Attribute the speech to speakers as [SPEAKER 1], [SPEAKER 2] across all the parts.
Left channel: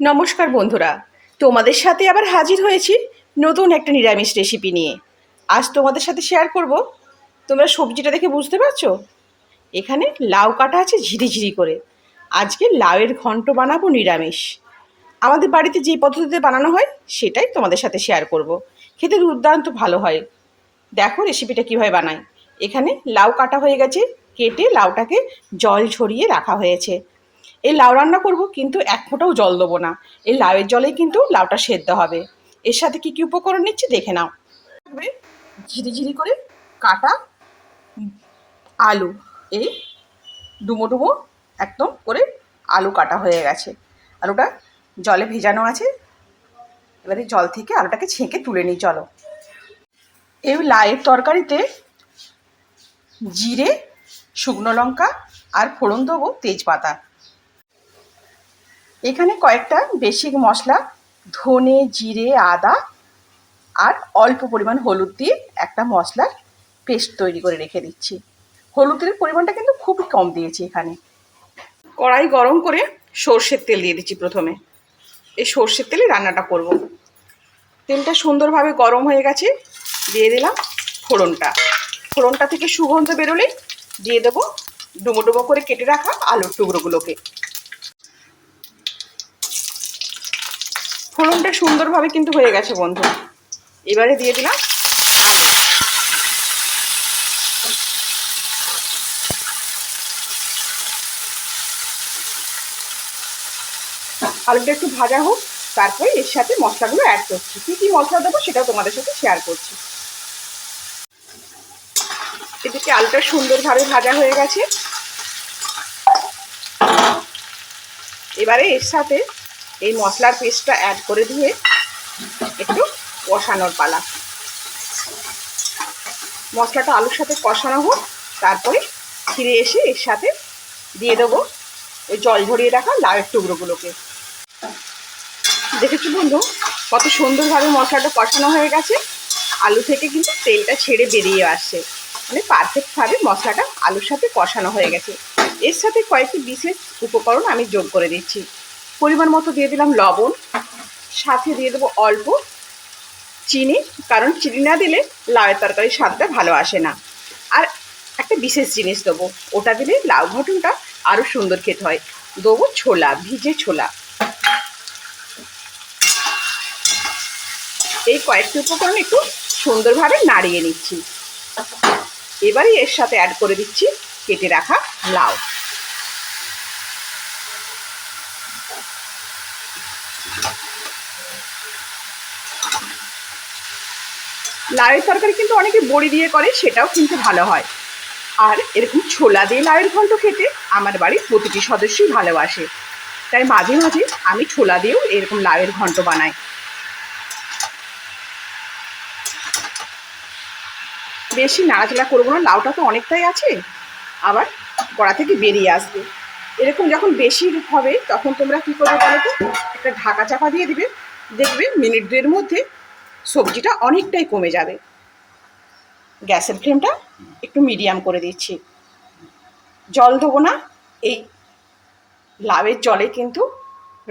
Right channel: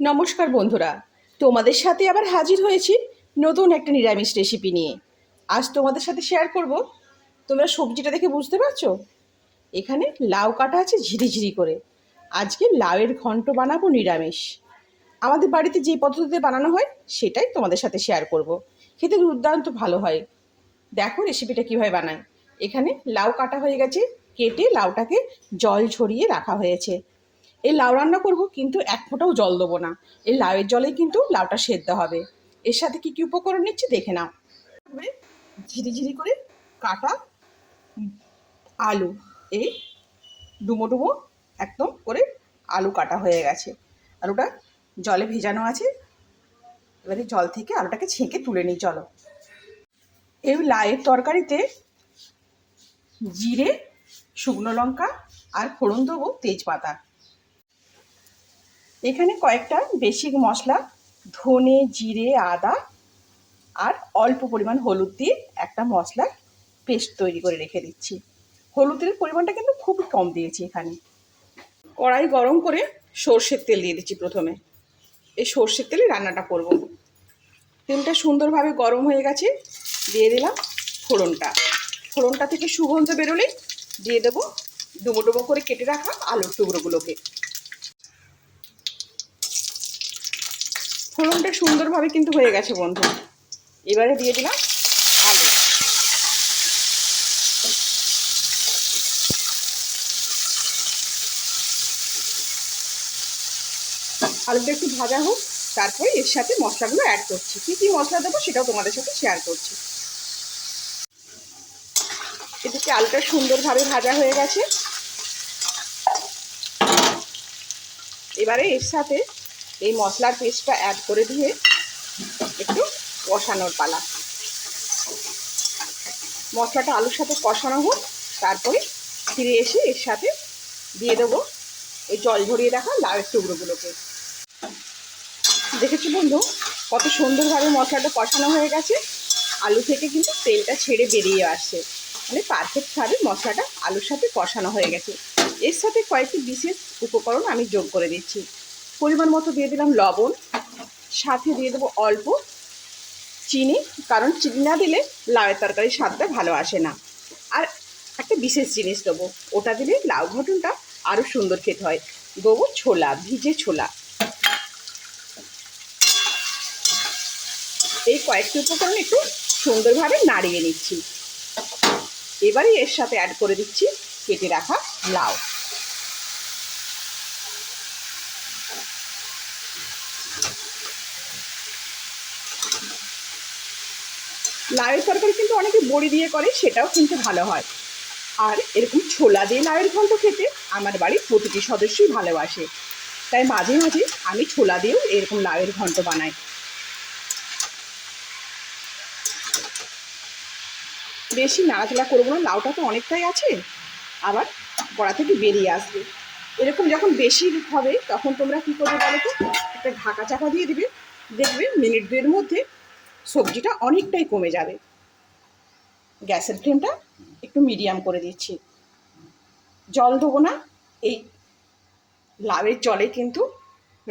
[SPEAKER 1] নমস্কার বন্ধুরা, তোমাদের সাথে আবার হাজির হয়েছি নতুন একটা নিরামিষ রেসিপি নিয়ে। আজ তোমাদের সাথে শেয়ার করব, তোমরা সবজিটা দেখে বুঝতে পারছ? এখানে লাউ কাটা আছে ঝিরিঝিরি করে। আজকে লাউয়ের ঘন্ট বানাবো নিরামিষ। আমাদের বাড়িতে যে পদ্ধতিতে বানানো হয়, সেটাই তোমাদের সাথে শেয়ার করব। খেতে দুর্দান্ত ভালো হয়। দেখো রেসিপিটা কীভাবে বানাই। এখানে লাউ কাটা হয়ে গেছে, কেটে লাউটাকে জল ছড়িয়ে রাখা হয়েছে। এই লাউ রান্না করব, কিন্তু এক ফোঁটাও জল দেবো না। এই লাউয়ের জলেই কিন্তু লাউটা সেদ্ধ হবে। এর সাথে কি কি উপকরণ নিচ্ছি দেখে নাও। থাকবে ঝিরিঝিরি করে কাটা আলু। এই ডুমো ডুমো একদম করে আলু কাটা হয়ে গেছে। আলুটা জলে ভেজানো আছে। এবারে জল থেকে আলুটাকে ছেঁকে তুলে নিই, চলো। এই লাউয়ের তরকারিতে জিরে, শুকনো লঙ্কা আর ফোড়ন দেবো তেজপাতা। এখানে কয়েকটা বেসিক মশলা, ধনে, জিরে, আদা আর অল্প পরিমাণ হলুদ দিয়ে একটা মশলার পেস্ট তৈরি করে রেখে দিচ্ছি। হলুদের পরিমাণটা কিন্তু খুবই কম দিয়েছি এখানে। কড়াই গরম করে সর্ষের তেল দিয়ে দিচ্ছি প্রথমে। এই সর্ষের তেলে রান্নাটা করব। তেলটা সুন্দরভাবে গরম হয়ে গেছে, দিয়ে দিলাম ফোড়নটা। ফোড়নটা থেকে সুগন্ধ বেরোলেই দিয়ে দেবো ডুমো ডুমো করে কেটে রাখা আলুর টুকরোগুলোকে। ফোড়নটা সুন্দরভাবে কিন্তু হয়ে গেছে, বন্ধু। এবারে দিয়ে দিলাম আলু। আলুটা একটু ভাজা হোক, তারপরে এর সাথে মশলাগুলো অ্যাড করছি। কী কী মশলা দেবো সেটাও তোমাদের সাথে শেয়ার করছি। এদিকে আলুটা সুন্দরভাবে ভাজা হয়ে গেছে। এবারে এর সাথে এই মশলার পেস্টটা অ্যাড করে দিয়ে একটু কষানোর পালা। মশলাটা আলুর সাথে কষানো হোক, তারপরে ফিরে এসে এর সাথে দিয়ে দেবো ওই জল ঝরিয়ে রাখা লাউয়ের টুকরোগুলোকে। দেখেছি বন্ধু, কত সুন্দরভাবে মশলাটা কষানো হয়ে গেছে। আলু থেকে কিন্তু তেলটা ছেড়ে বেরিয়ে আসছে। মানে পারফেক্টভাবে মশলাটা আলুর সাথে কষানো হয়ে গেছে। এর সাথে কয়েকটি বিশেষ উপকরণ আমি যোগ করে দিচ্ছি। পরিমাণ মতো দিয়ে দিলাম লবণ, সাথে দিয়ে দেবো অল্প চিনি, কারণ চিনি না দিলে লাউয়ের তরকারির স্বাদটা ভালো আসে না। আর একটা বিশেষ জিনিস দেবো, ওটা দিলে লাউ ঘটনটা আরও সুন্দর খেতে হয়। দেবো ছোলা, ভিজে ছোলা। এই কয়েকটি উপকরণ একটু সুন্দরভাবে নাড়িয়ে নিচ্ছি। এবারে এর সাথে অ্যাড করে দিচ্ছি, কেটে রাখা লাউ। লাউয়ের তরকারি কিন্তু অনেকে বড়ি দিয়ে করে, সেটাও কিন্তু ভালো হয়। আর এরকম ছোলা দিয়ে লাউয়ের ঘন্ট খেতে আমার বাড়ির প্রতিটি সদস্যই ভালোবাসে। তাই মাঝে মাঝে আমি ছোলা দিয়েও এরকম লাউয়ের ঘন্ট বানাই। বেশি নাড়াচাড়া করব না, লাউটা তো অনেকটাই আছে। আবার কড়া থেকে বেরিয়ে আসবে। এরকম যখন বেশি হবে, তখন তোমরা কী করবে বলো তো? একটা ঢাকা চাপা দিয়ে দিবে। দেখবে মিনিট দুয়ের মধ্যে সবজিটা অনেকটাই কমে যাবে। গ্যাসের ফ্লেমটা একটু মিডিয়াম করে দিচ্ছি। জল দেবো না, এই লাউয়ের জলে কিন্তু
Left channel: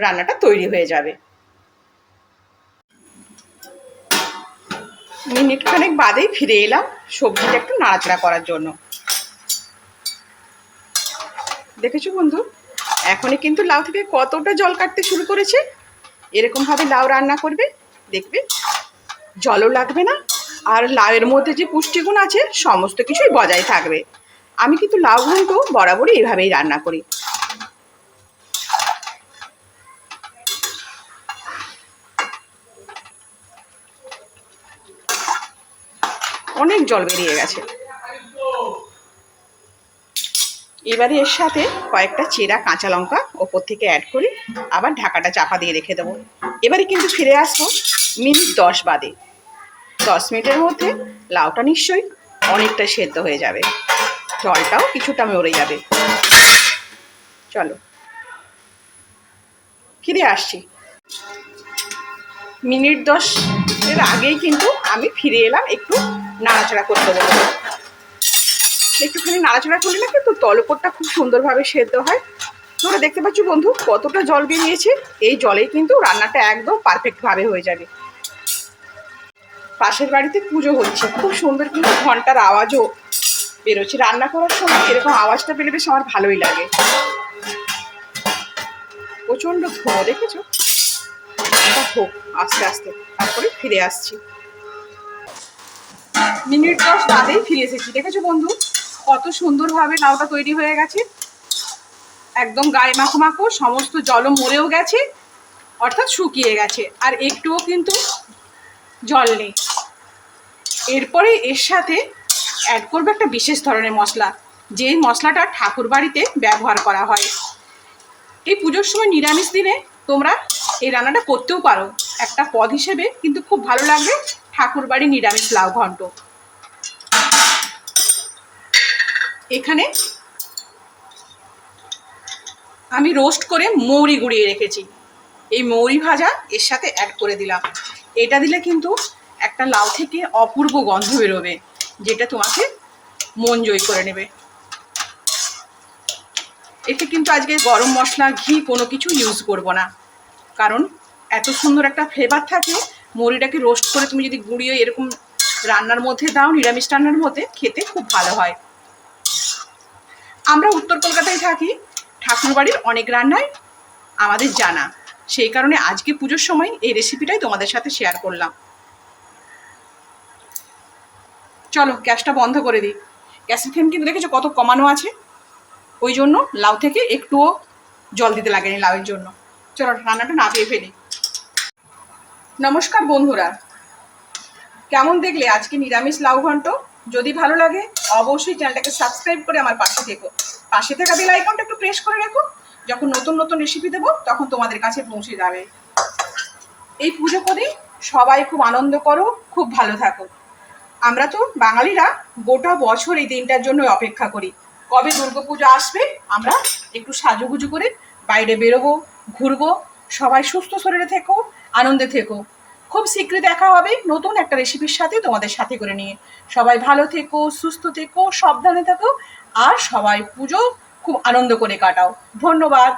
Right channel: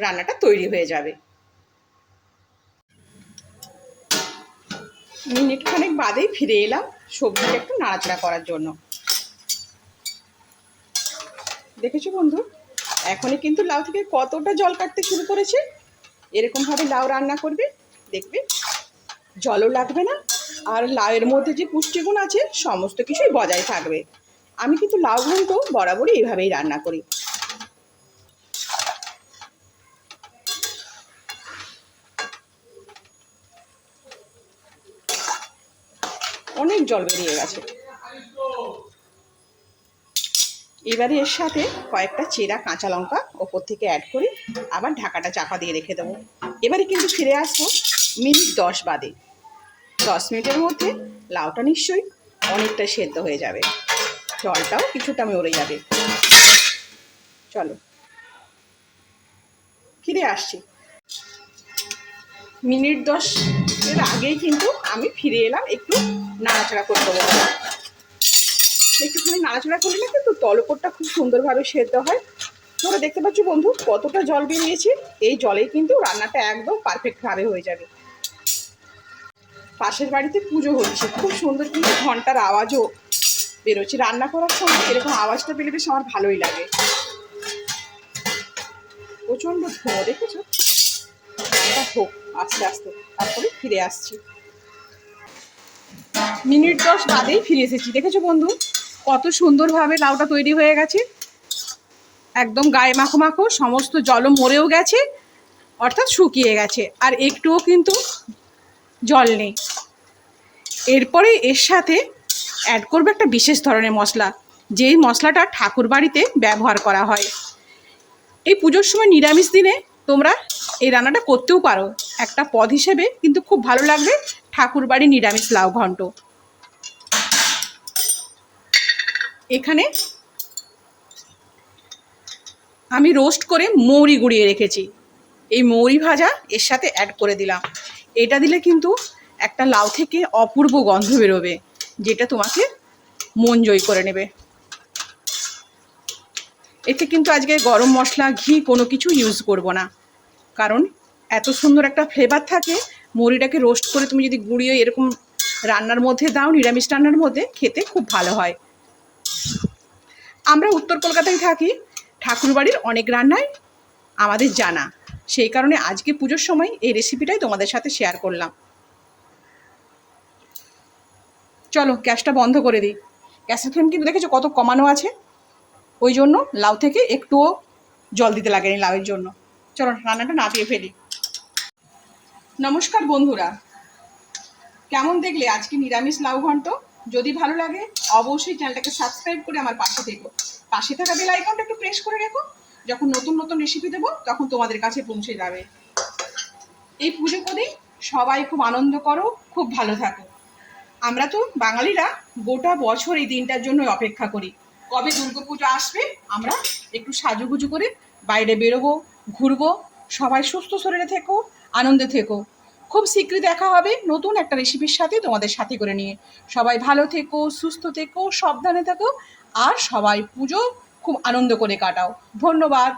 [SPEAKER 1] রান্নাটা তৈরি হয়ে যাবে। মিনিট খানেক বাদেই ফিরে এলাম সবজিটা একটু নাড়াচাড়া করার জন্য। দেখেছ বন্ধু? এখনই কিন্তু লাউ থেকে কতটা জল কাটতে শুরু করেছে? এরকমভাবে লাউ রান্না করবে, দেখবে জলও লাগবে না, আর লাউয়ের মধ্যে যে পুষ্টিগুণ আছে, সমস্ত কিছুই বজায় থাকবে। আমি কিন্তু লাউ ঘন্ট বরাবরই এভাবেই রান্না করি। অনেক জল বেরিয়ে গেছে। এবারে এর সাথে কয়েকটা চেরা কাঁচা লঙ্কা ওপর থেকে অ্যাড করে আবার ঢাকাটা চাপা দিয়ে রেখে দেবো। এবারে কিন্তু ফিরে আসব মিনিট দশ বাদে। দশ মিনিটের মধ্যে লাউটা নিশ্চয়ই অনেকটা সেদ্ধ হয়ে যাবে। জলটাও কিছুটা মরে যাবে। চলো। ফিরে আসছি। মিনিট দশ এর আগেই কিন্তু আমি ফিরে এলাম একটু নাড়াচাড়া করতে হবে একটুখানি নাড়াচাড়া করলে না কিন্তু তলপটটা খুব সুন্দরভাবে সেদ্ধ হয়। তোমরা দেখতে পাচ্ছ বন্ধু কতটা জল বেরিয়েছে। এই জলে কিন্তু রান্নাটা একদম পারফেক্টভাবে হয়ে যাবে। পাশের বাড়িতে পুজো হচ্ছে। খুব সুন্দর কিন্তু ঘণ্টার আওয়াজও বেরোচ্ছে। রান্না করার সময় এরকম আওয়াজটা পেলে বেশ আমার ভালোই লাগে। প্রচণ্ড ধোঁয়া, দেখেছ? হোক, আস্তে আস্তে তারপরে ফিরে আসছি। মিনিট দশ বাদেই ফিরে এসেছি। দেখেছ বন্ধু? কত সুন্দরভাবে লাউটা তৈরি হয়ে গেছে। একদম গায়ে মাখো মাখো, সমস্ত জলও মরেও গেছে, অর্থাৎ শুকিয়ে গেছে। আর একটুও কিন্তু জল নেই। এরপরে এর সাথে অ্যাড করবে একটা বিশেষ ধরনের মশলা, যেই মশলাটা ঠাকুর বাড়িতে ব্যবহার করা হয়। এই পুজোর সময় নিরামিষ দিনে তোমরা এই রান্নাটা করতেও পারো। একটা পদ হিসেবে কিন্তু খুব ভালো লাগবে ঠাকুর বাড়ি নিরামিষ লাউ ঘন্ট। এখানে আমি রোস্ট করে মৌরি গুঁড়িয়ে রেখেছি। এই মৌরি ভাজা এর সাথে অ্যাড করে দিলাম। এটা দিলে কিন্তু একটা লাউ থেকে অপূর্ব গন্ধ বেরোবে, যেটা তোমাকে মন জয় করে নেবে। এতে কিন্তু আজকে গরম মশলা, ঘি কোনো কিছু ইউজ করব না। কারণ এত সুন্দর একটা ফ্লেভার থাকে, মুড়িটাকে রোস্ট করে তুমি যদি গুঁড়িয়ে এরকম রান্নার মধ্যে দাও, নিরামিষ রান্নার মধ্যে, খেতে খুব ভালো হয়। আমরা উত্তর কলকাতায় থাকি, ঠাকুরবাড়ির অনেক রান্নাই আমাদের জানা। সেই কারণে আজকে পুজোর সময় এই রেসিপিটাই তোমাদের সাথে শেয়ার করলাম। চলো গ্যাসটা বন্ধ করে দিই। গ্যাসের ফ্লেম কিন্তু দেখেছ কত কমানো আছে? ওই জন্য লাউ থেকে একটুও জল দিতে লাগেনি লাউয়ের জন্য। চলো রান্নাটা নাপিয়ে ফেলি। নমস্কার বন্ধুরা। কেমন দেখলে আজকে নিরামিষ লাউ ঘন্ট? যদি ভালো লাগে, অবশ্যই চ্যানেলটাকে সাবস্ক্রাইব করে আমার পাশে থেকো। পাশে থাকা বেল আইকনটা একটু প্রেস করে রাখো। যখন নতুন নতুন রেসিপি দেবো, তখন তোমাদের কাছে পৌঁছে যাবে। এই পুজো করে সবাই খুব আনন্দ করো, খুব ভালো থাকো। আমরা তো বাঙালিরা গোটা বছর এই দিনটার জন্য অপেক্ষা করি। কবে দুর্গাপুজো আসবে, আমরা একটু সাজুগুজু করে বাইরে বেরোবো, ঘুরবো, সবাই সুস্থ শরীরে থেকো, আনন্দে থেকো। খুব শীঘ্রই দেখা হবে নতুন একটা রেসিপির সাথে তোমাদের সাথে করে নিয়ে। সবাই ভালো থেকো, সুস্থ থেকো, সাবধানে থেকো, আর সবাই পুজো খুব আনন্দ করে কাটাও। ধন্যবাদ।